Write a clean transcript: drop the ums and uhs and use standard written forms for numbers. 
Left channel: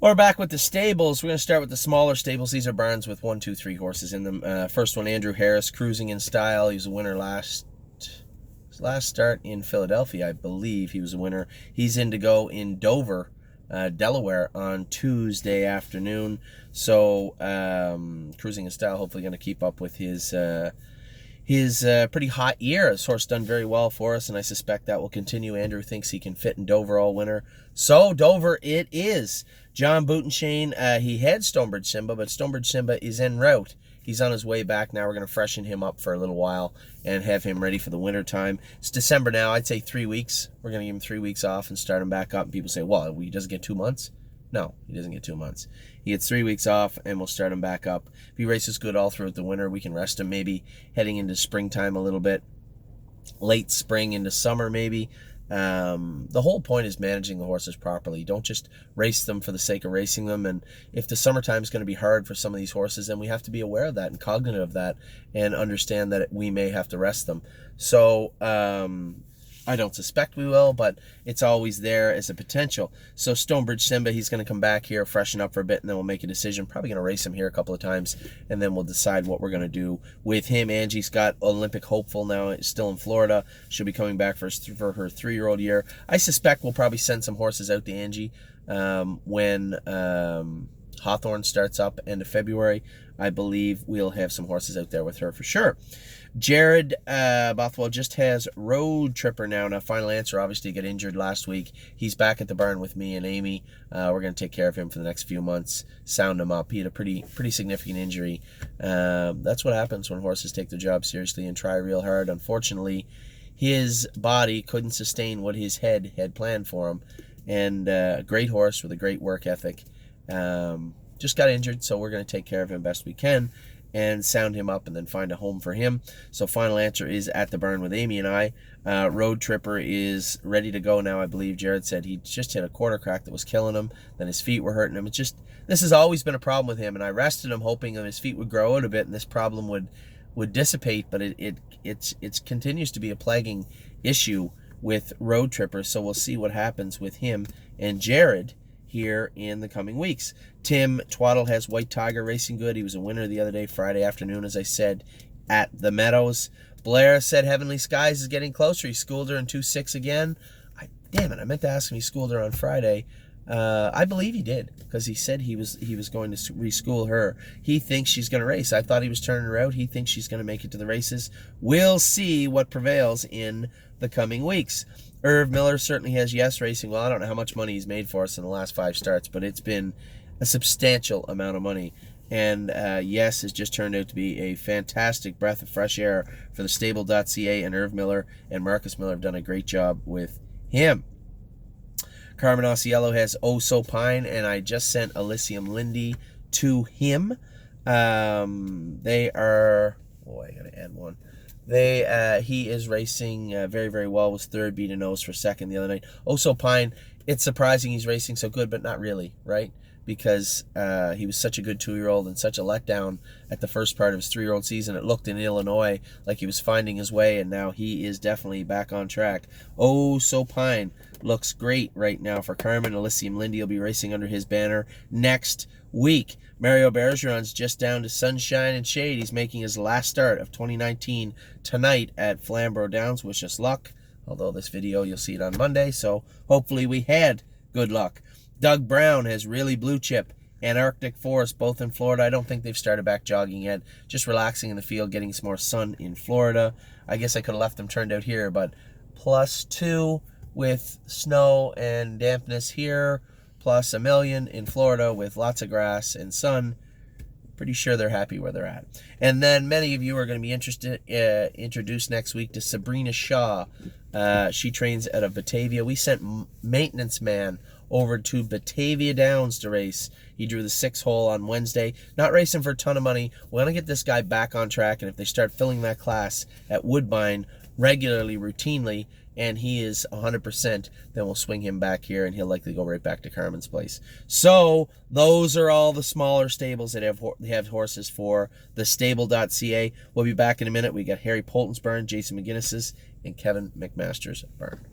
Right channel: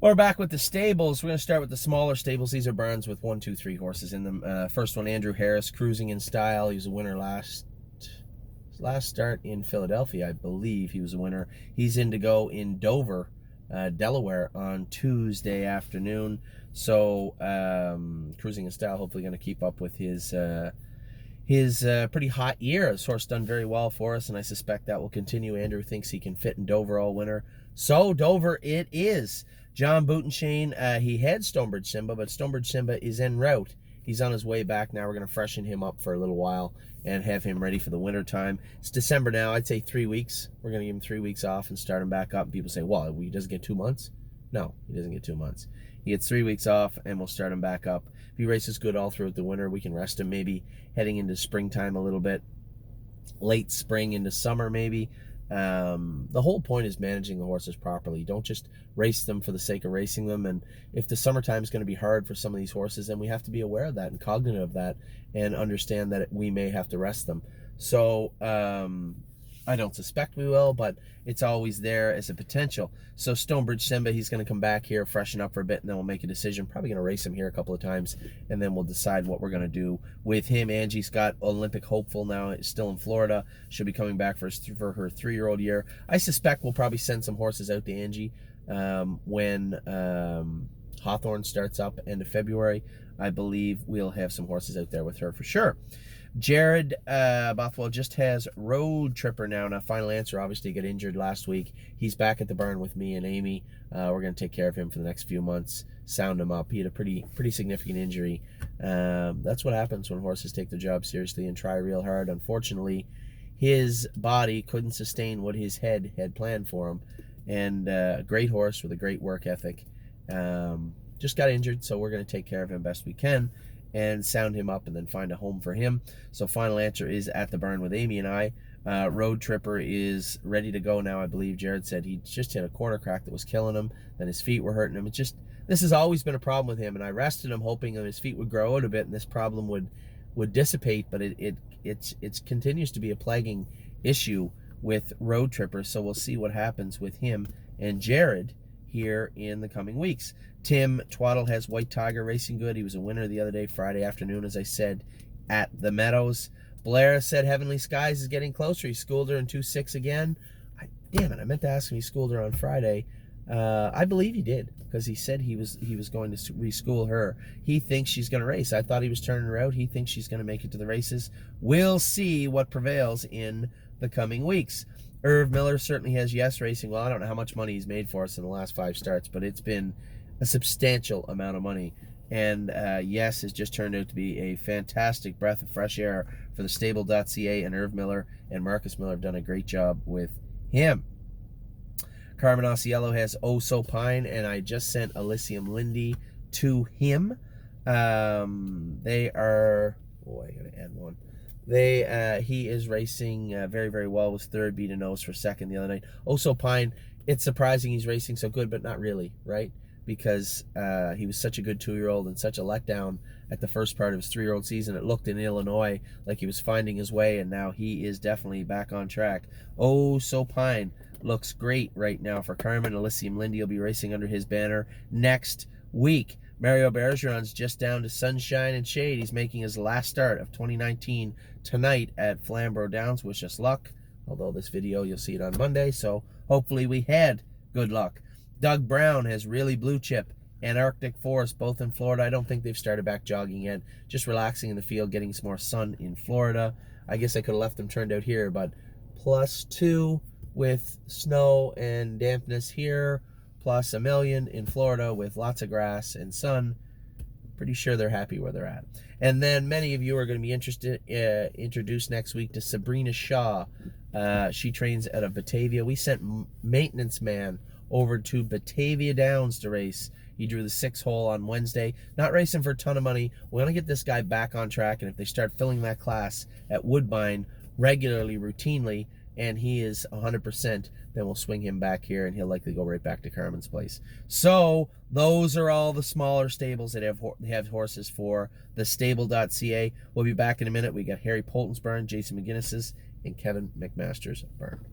We're back with the stables. We're going to start with the smaller stables. These are barns with 1, 2, 3 horses in them. First one, Andrew Harris, Cruising in Style. He was a winner last start in Philadelphia, I believe. He was a winner. He's in to go in Dover, Delaware on Tuesday afternoon. So Cruising in Style hopefully going to keep up with his pretty hot year. This horse done very well for us, and I suspect that will continue. Andrew thinks he can fit in Dover all winter. So Dover it is. John Boutenshane, he had Stonebridge Simba, but Stonebridge Simba is en route. He's on his way back now. We're going to freshen him up for a little while and have him ready for the winter time. It's December now. I'd say 3 weeks. We're going to give him 3 weeks off and start him back up. And people say, well, he doesn't get 2 months? No, he doesn't get 2 months. He gets 3 weeks off, and we'll start him back up. If he races good all throughout the winter, we can rest him maybe heading into springtime a little bit. Late spring into summer maybe. The whole point is managing the horses properly. Don't just race them for the sake of racing them. And if the summertime is going to be hard for some of these horses, then we have to be aware of that and cognizant of that and understand that we may have to rest them. So I don't suspect we will, but it's always there as a potential. So Stonebridge Simba, he's going to come back here, freshen up for a bit, and then we'll make a decision. Probably going to race him here a couple of times, and then we'll decide what we're going to do with him. Angie's got Olympic Hopeful now, still in Florida. She'll be coming back for her 3-year-old year. I suspect we'll probably send some horses out to Angie when Hawthorne starts up end of February. I believe we'll have some horses out there with her for sure. Jared Bothwell just has Road Tripper now. Now, Final Answer obviously got injured last week. He's back at the barn with me and Amy. We're going to take care of him for the next few months, sound him up. He had a pretty significant injury. That's what happens when horses take their job seriously and try real hard. Unfortunately, his body couldn't sustain what his head had planned for him. And a great horse with a great work ethic. Just got injured, so we're going to take care of him best we can and sound him up and then find a home for him. So Final Answer is at the barn with Amy and I. Road Tripper is ready to go now, I believe. Jared said he just hit a quarter crack that was killing him. Then his feet were hurting him. It's just, this has always been a problem with him, and I rested him hoping that his feet would grow out a bit and this problem would dissipate, but it continues to be a plaguing issue with Road Tripper, so we'll see what happens with him and Jared here in the coming weeks. Tim Twaddle has White Tiger racing good. He was a winner the other day, Friday afternoon, as I said, at the Meadows. Blair said Heavenly Skies is getting closer. He schooled her in 2-6 again. Damn it, I meant to ask him he schooled her on Friday. I believe he did, because he said he was going to reschool her. He thinks she's going to race. I thought he was turning her out. He thinks she's going to make it to the races. We'll see what prevails in the coming weeks. Irv Miller certainly has Yes Racing. Well, I don't know how much money he's made for us in the last 5 starts, but it's been a substantial amount of money. And Yes has just turned out to be a fantastic breath of fresh air for the stable.ca, and Irv Miller and Marcus Miller have done a great job with him. Carmen Osiello has Oh So Pine, and I just sent Elysium Lindy to him. They are, I gotta add one. He is racing very, very well. Was third, beat a nose for second the other night. Oh So Pine, it's surprising he's racing so good, but not really, right? Because he was such a good 2-year-old and such a letdown at the first part of his 3-year-old season. It looked in Illinois like he was finding his way, and now he is definitely back on track. Oh So Pine looks great right now for Carmen. Elysium Lindy will be racing under his banner next week. Mario Bergeron's just down to sunshine and shade. He's making his last start of 2019 tonight at Flamborough Downs. Wish us luck. Although this video, you'll see it on Monday, so hopefully we had good luck. Doug Brown has Really Blue Chip and Arctic Forest, both in Florida. I don't think they've started back jogging yet. Just relaxing in the field, getting some more sun in Florida. I guess I could have left them turned out here, but +2 with snow and dampness here, plus a million in Florida with lots of grass and sun. Pretty sure they're happy where they're at. And then many of you are going to be introduced next week to Sabrina Shaw. She trains out of Batavia. We sent Maintenance Man over to Batavia Downs to race. He drew the 6 hole on Wednesday. Not racing for a ton of money. We're going to get this guy back on track, and if they start filling that class at Woodbine regularly, routinely, and he is 100%, then we'll swing him back here, and he'll likely go right back to Carmen's place. So those are all the smaller stables that have horses for the stable.ca. We'll be back in a minute. We got Harry Polton's barn, Jason McGinnis's, and Kevin McMaster's barn.